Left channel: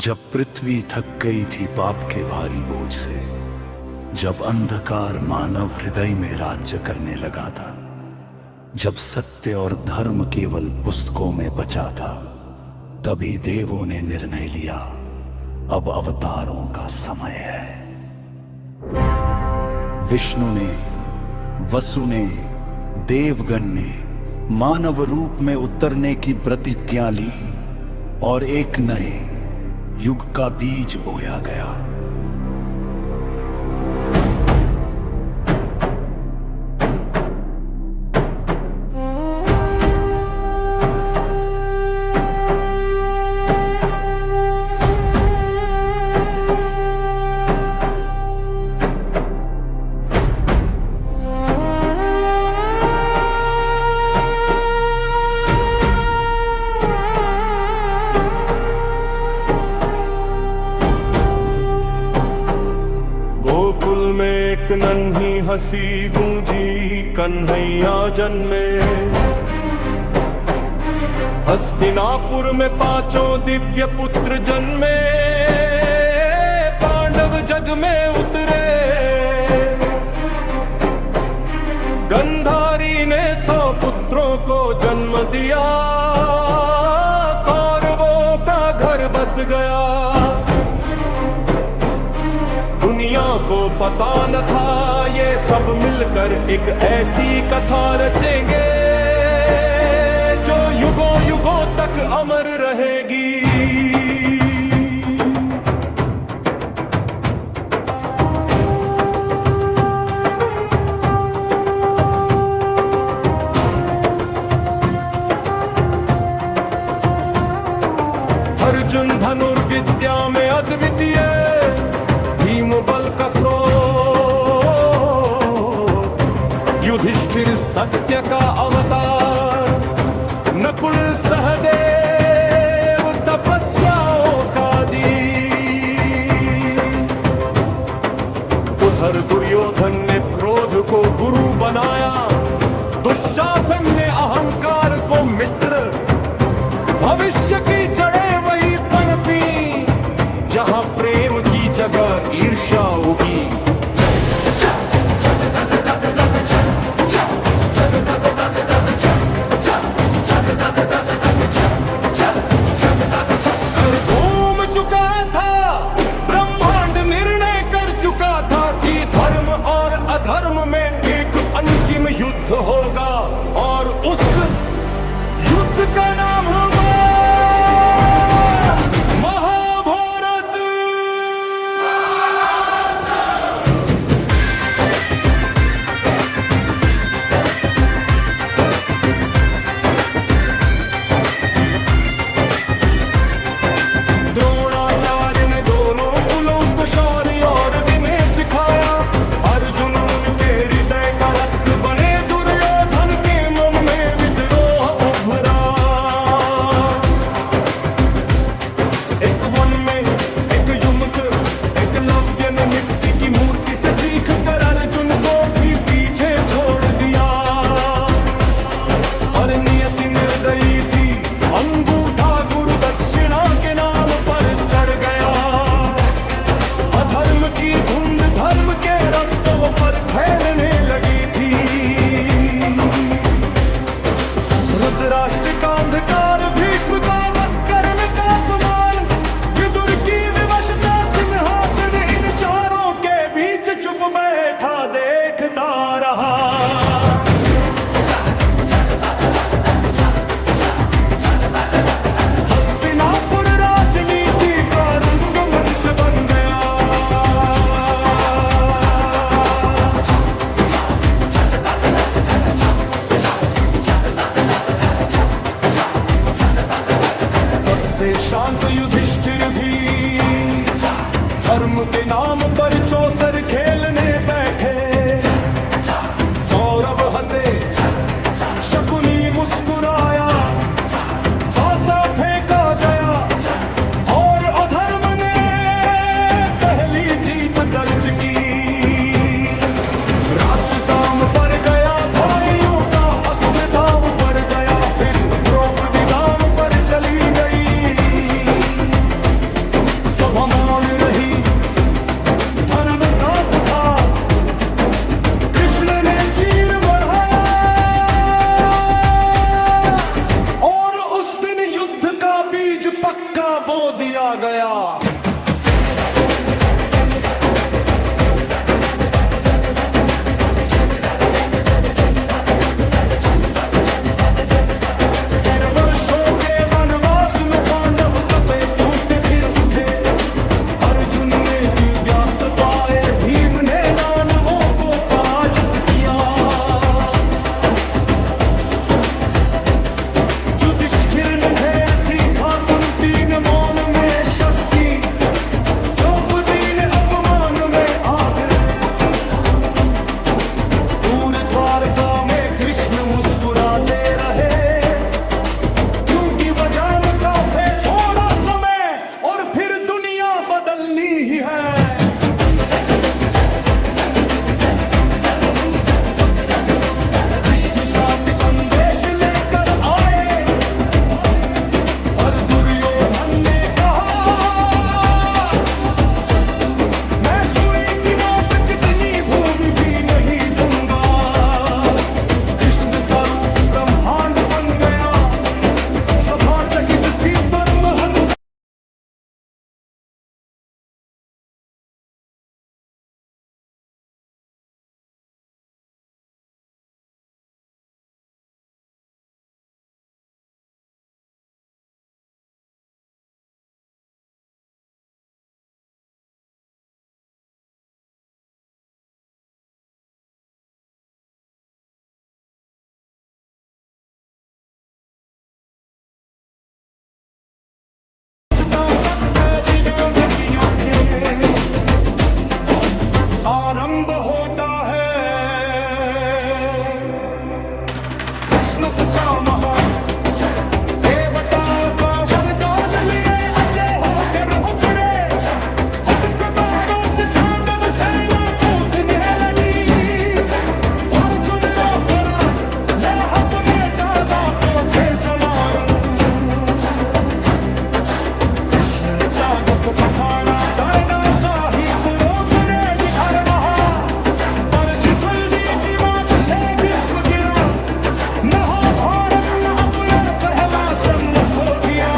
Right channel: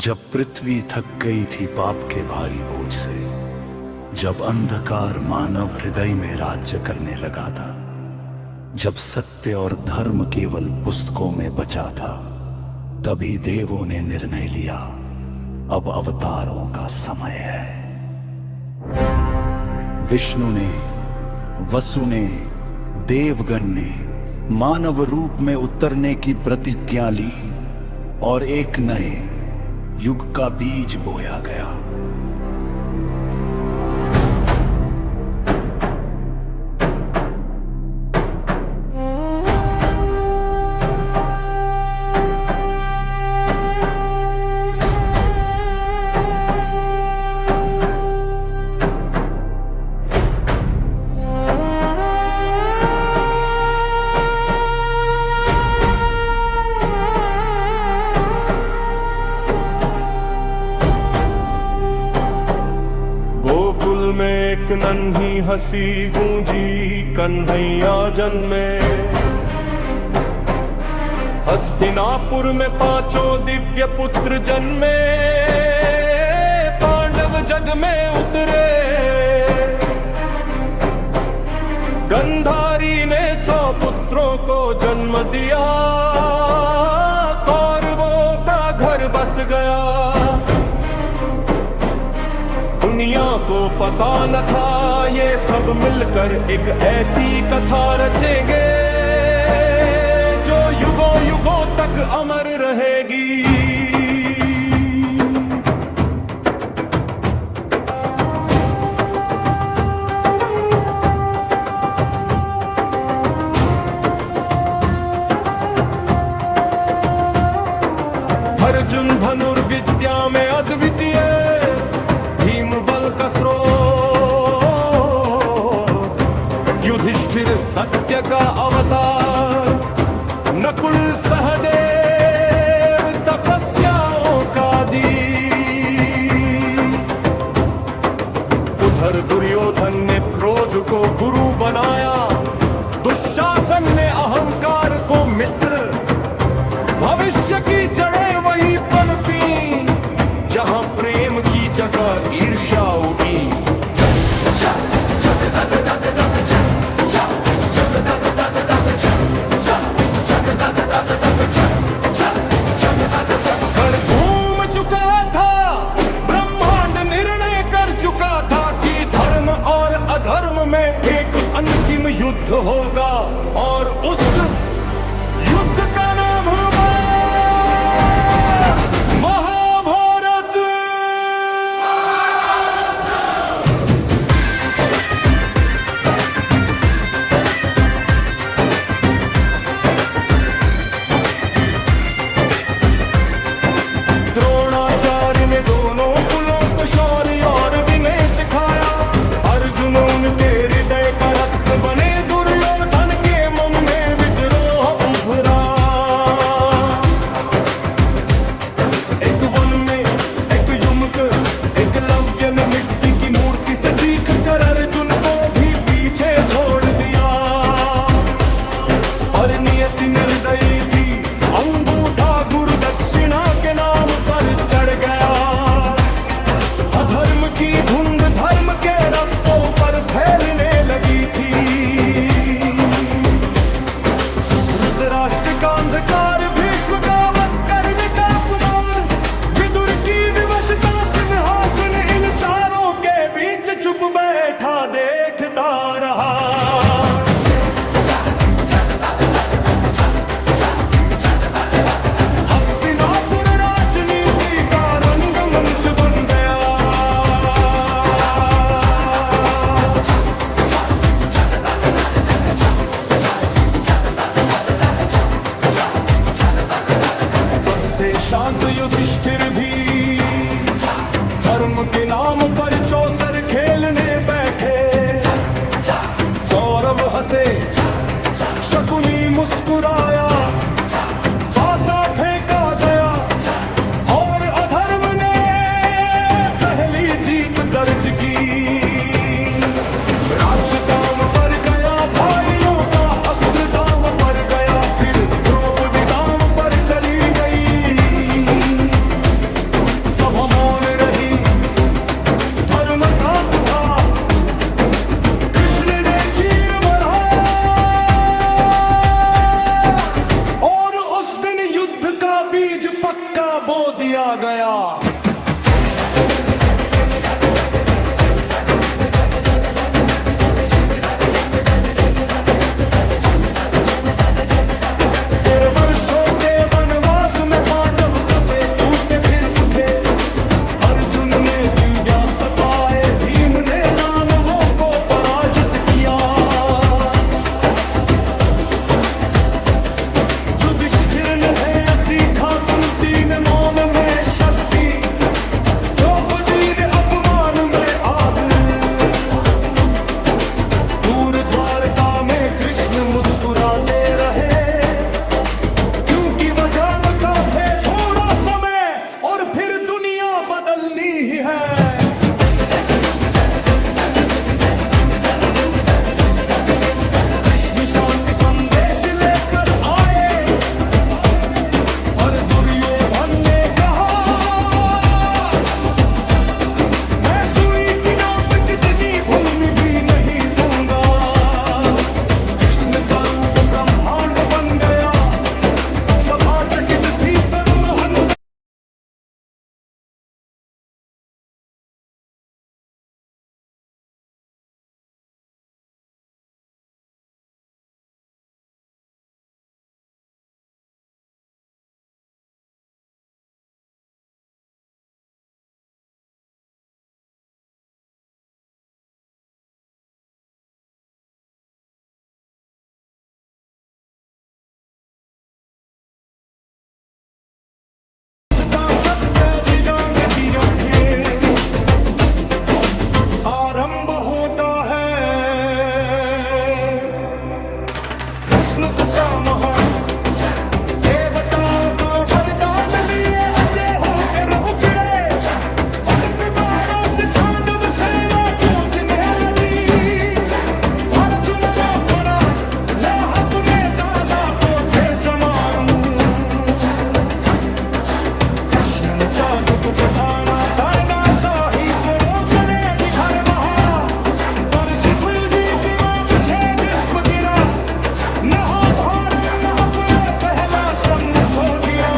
जब पृथ्वी थक गई थी पाप के भारी बोझ से, जब अंधकार मानव हृदय में राज्य करने लगा था, जब सत्य और धर्म केवल पुस्तकों में बचा था, तभी देवों ने निर्णय लिया, अब अवतारों का समय है। विष्णु ने, वसु ने, देवगण ने मानव रूप में उतरने की प्रतिज्ञा ली और एक नए युग का बीज बोया गया। गोकुल में एक नन्ही हंसी गूंजी, कन्हैया जन्मे। हस्तिनापुर में पांचों दिव्य पुत्र जन्मे, पांडव जग में उतरे। गंधारी ने 100 पुत्रों को जन्म दिया, कौरवों का घर बस गया। दुनिया को पता न था ये सब मिलकर एक ऐसी कथा रचेंगे, जो युगों युगों तक अमर रहेगी। अर्जुन धनुर्विद्या में अद्वितीय, भीम बल का स्रोत, युधिष्ठिर सत्य का अवतार, नकुल सहदेव तपस्याओं का दीप। उधर दुर्योधन ने क्रोध को गुरु बनाया, दुशासन ने अहंकार को मित्र। भविष्य की जड़ें वही पनपी, जहां प्रेम की जगह ईर्ष्या उगी। घर घूम चुका था, ब्रह्मांड निर्णय कर चुका था कि धर्म और अधर्म में एक अंतिम युद्ध होगा, और उस युद्ध का नाम होगा महाभारत। द्रोणाचार्य ने दोनों कुलों को शौर्य और विनय सिखाया। अर्जुन उनके हृदय का रत्न बने, दुर्योधन के मन में विद्रोह उभरा। एक वन में एक युमक एकलव्य ने मिट्टी की मूर्ति से सीख कर अर्जुन को भी पीछे छोड़ दिया। और नियति निर्दयी थी, अंगूठा गुरु दक्षिणा के नाम पर चढ़ गया। अधर्म की धुंध धर्म के रास्तों पर फैलने लगी थी। धृतराष्ट्र का अंधकार, भीष्म का वध करने का अपमान, विदुर की विवशता, सिंहासन, इन चारों के बीच चुप बैठा देखता रहा। हस्तिनापुर राजनीति का रंगमंच बन गया। सबसे शांत युधिष्ठिर भी धर्म के नाम पर चौसर खेलने बैठे। कौरव हंसे, शकुनी मुस्कुराया, पासा फेंका गया, और अधर्म ने पहली जीत दर्ज की। राज्य दाम पर गया, भाइयों का अस्त्र दाम पर गया, फिर द्रौपदी दाम पर चली गई। सभा मौन रही, धर्म कांप उठा, कृष्ण ने चीर बढ़ाया और उस दिन युद्ध का बीज पक्का बो दिया गया। वर्षों के वनवास में पांडव कपे टूटे फिर उठे, अर्जुन ने दिव्यास्त्र पाए, भीम ने दानवों को पराजित किया। युधिष्ठिर ने धैर्य सीखा, कुंती ने मौन में शक्ति, द्रौपदी ने अपमान में आग। दूर द्वारका में कृष्ण मुस्कुराते रहे, कि वह जानता थे थोड़ा समय और फिर दुनिया बदलनी ही है। कृष्ण शांति संदेश लेकर आए, पर दुर्योधन ने कहा, मैं सुई की नोक जितनी भूमि भी नहीं दूंगा। कृष्ण का रूप ब्रह्मांड बन गया, सभा चकित थी पर महन। सबसे विराग की आंखें, आरंभ होता है कृष्ण का महा। देवताओं का वरदान लिए अजय होकर उतरे, उपकारों से तांडव सेना टूटने लगी। अर्जुन रो करा, ले अपने दादा को फेस मारूं। ने जादू को पठाना, करना शाही को रोकने की हर महा। पर सिकुल्दी की बात से जिस्म गिरा, महाभारत ने अपने पहला स्तंभ खो दिया।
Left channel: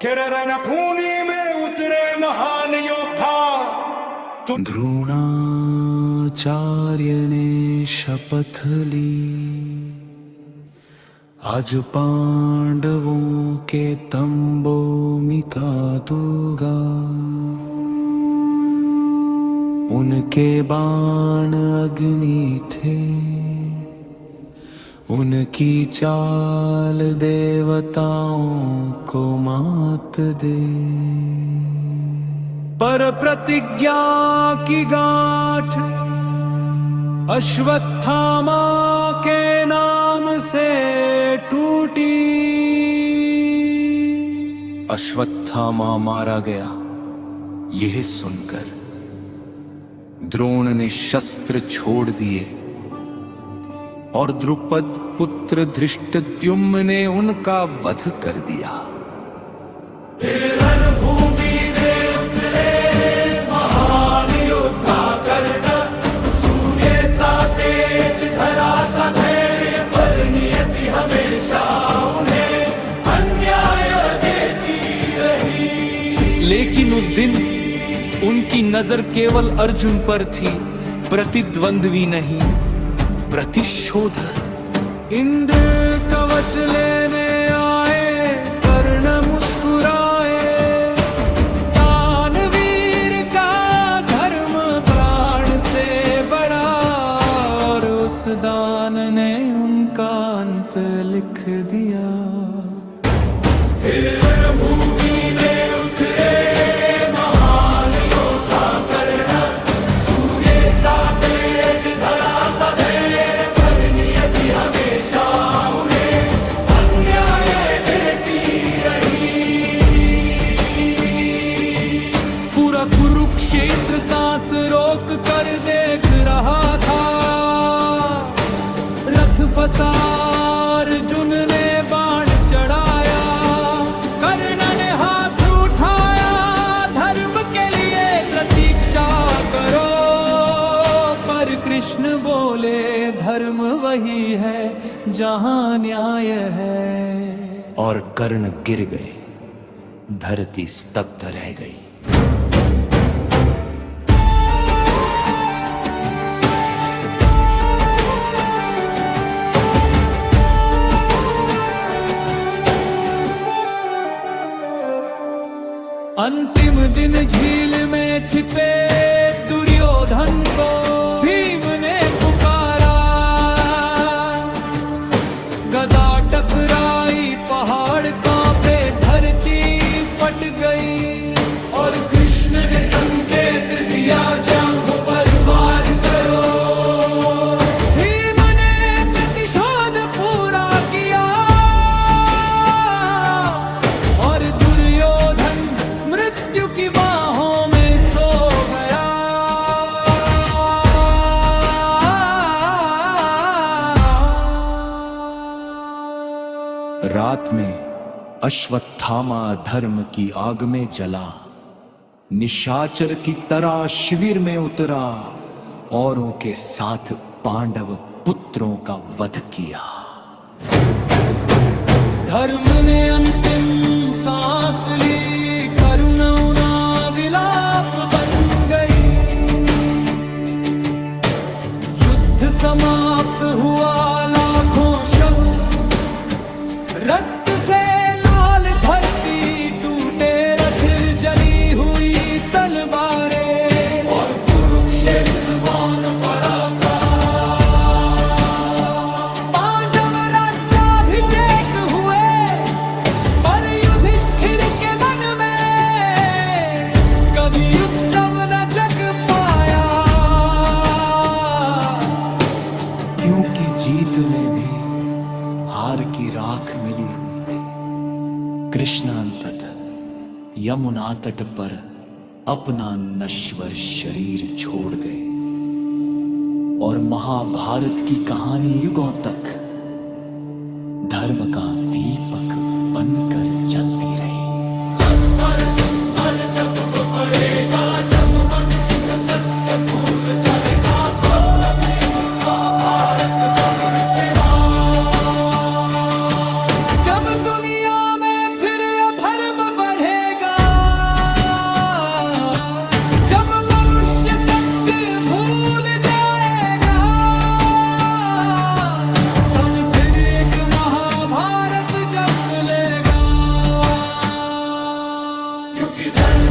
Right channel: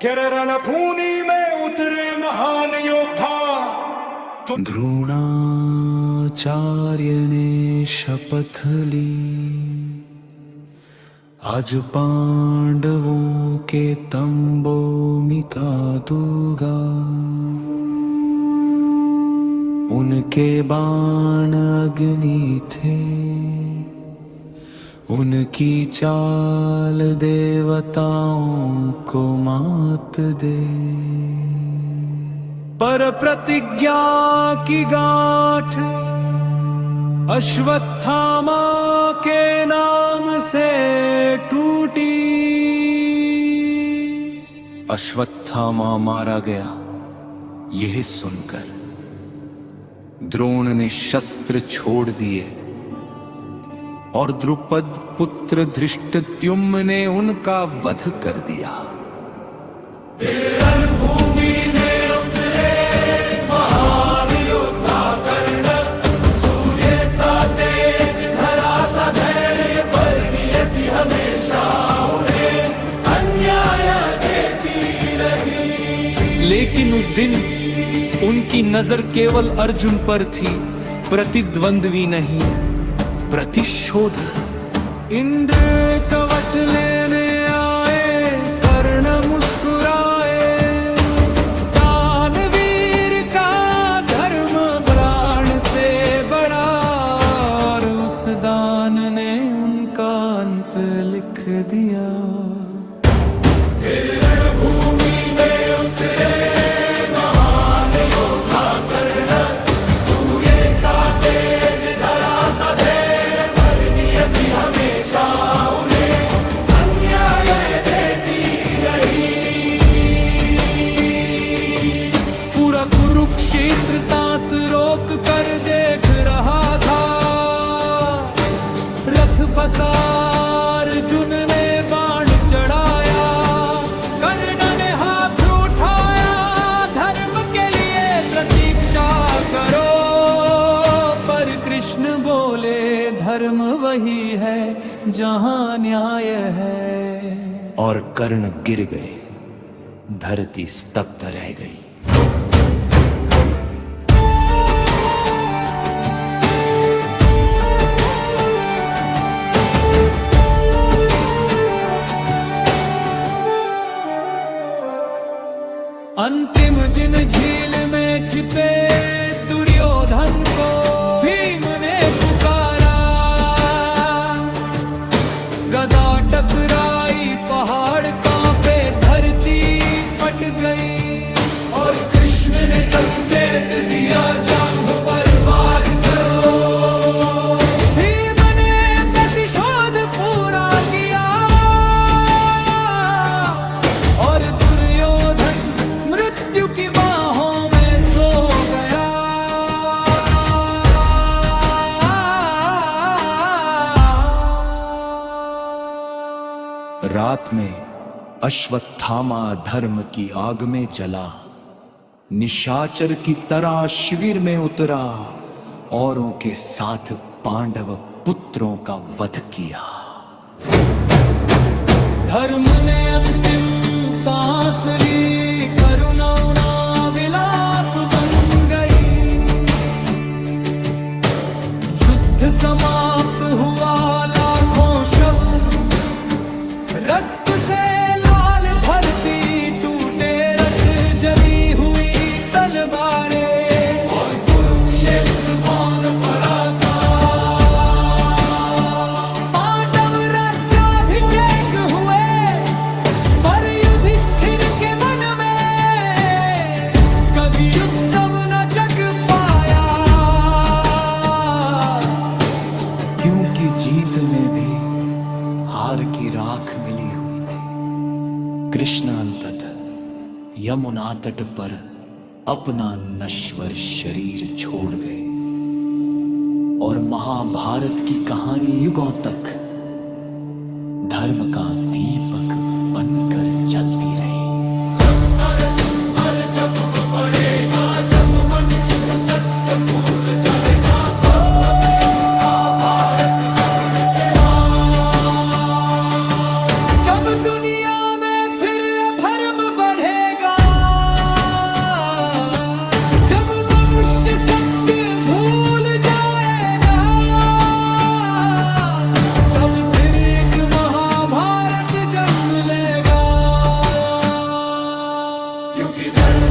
किरण खूनी में उतरे महान योद्धा। द्रोणाचार्य ने शपथ ली, आज पांडवों के तंबों मिटा दूंगा। उनके बाण अग्नि थे, उनकी चाल देवताओं को मात दे। पर प्रतिज्ञा की गांठ अश्वत्थामा के नाम से टूटी। अश्वत्थामा मारा गया, यह सुनकर द्रोण ने शस्त्र छोड़ दिए और द्रुपद पुत्र धृष्टद्युम्न ने उनका वध कर दिया। लेकिन उस दिन उनकी नजर केवल अर्जुन पर थी, प्रतिद्वंद्वी नहीं, प्रतिशोधक। इंद्र कवच लेने आए, कर्ण मुस्कुराए। दानवीर का धर्म प्राण से बड़ा, और उस दान ने उनका अंत लिख दिया। रणभूमि में उतरे महान योद्धा कर्ण, सूर्य सा तेज, धरा सा धैर्य, पर नियति हमेशा उन्हें अन्याय देती रही। पूरा कुरुक्षेत्र सांस रोक कर देख रहा था। रथ फसार अर्जुन ने बाण चढ़ाया, कर्ण ने हाथ हिंसा करो, पर कृष्ण बोले धर्म वही है जहां न्याय है। और कर्ण गिर गए, धरती स्तब्ध रह गई। अंतिम दिन झील में छिपे दुर्योधन को भीम ने पुकारा। गदा टकराई, पहाड़ कांपे, धरती फट गई। और कृष्ण ने संकेत दिया, जांघ पर वार करो। भीम ने प्रतिशोध पूरा किया और दुर्योधन मृत्यु की बाहों में सो गया। रात में अश्वत्थामा धर्म की आग में जला, निशाचर की तरह शिविर में उतरा, औरों के साथ पांडव पुत्रों का वध किया। धर्म ने अंतिम सांस ली, करुणा विलाप बन गई। युद्ध समाप्त हुआ, लाखों शव रक्त से लाल, धरती टूटे रथ, जली हुई तलवारें। और कुरुक्षेत्र मौन पड़ा था। पांडव राज्याभिषेक हुए, पर युधिष्ठिर के मन में कभी उत्सव न जग पाया। क्योंकि जीत में भी हार की राख मिली हुई थी। कृष्ण अंततः यमुना तट पर अपना नश्वर शरीर छोड़ गए और महाभारत की कहानी युगों तक धर्म का दीपक बनकर जलती रही। जब दुनिया में फिर अधर्म बढ़ेगा, जब मनुष्य सत्य भूल जाएगा, तब फिर एक महाभारत जन्म लेगा। क्योंकि धर्म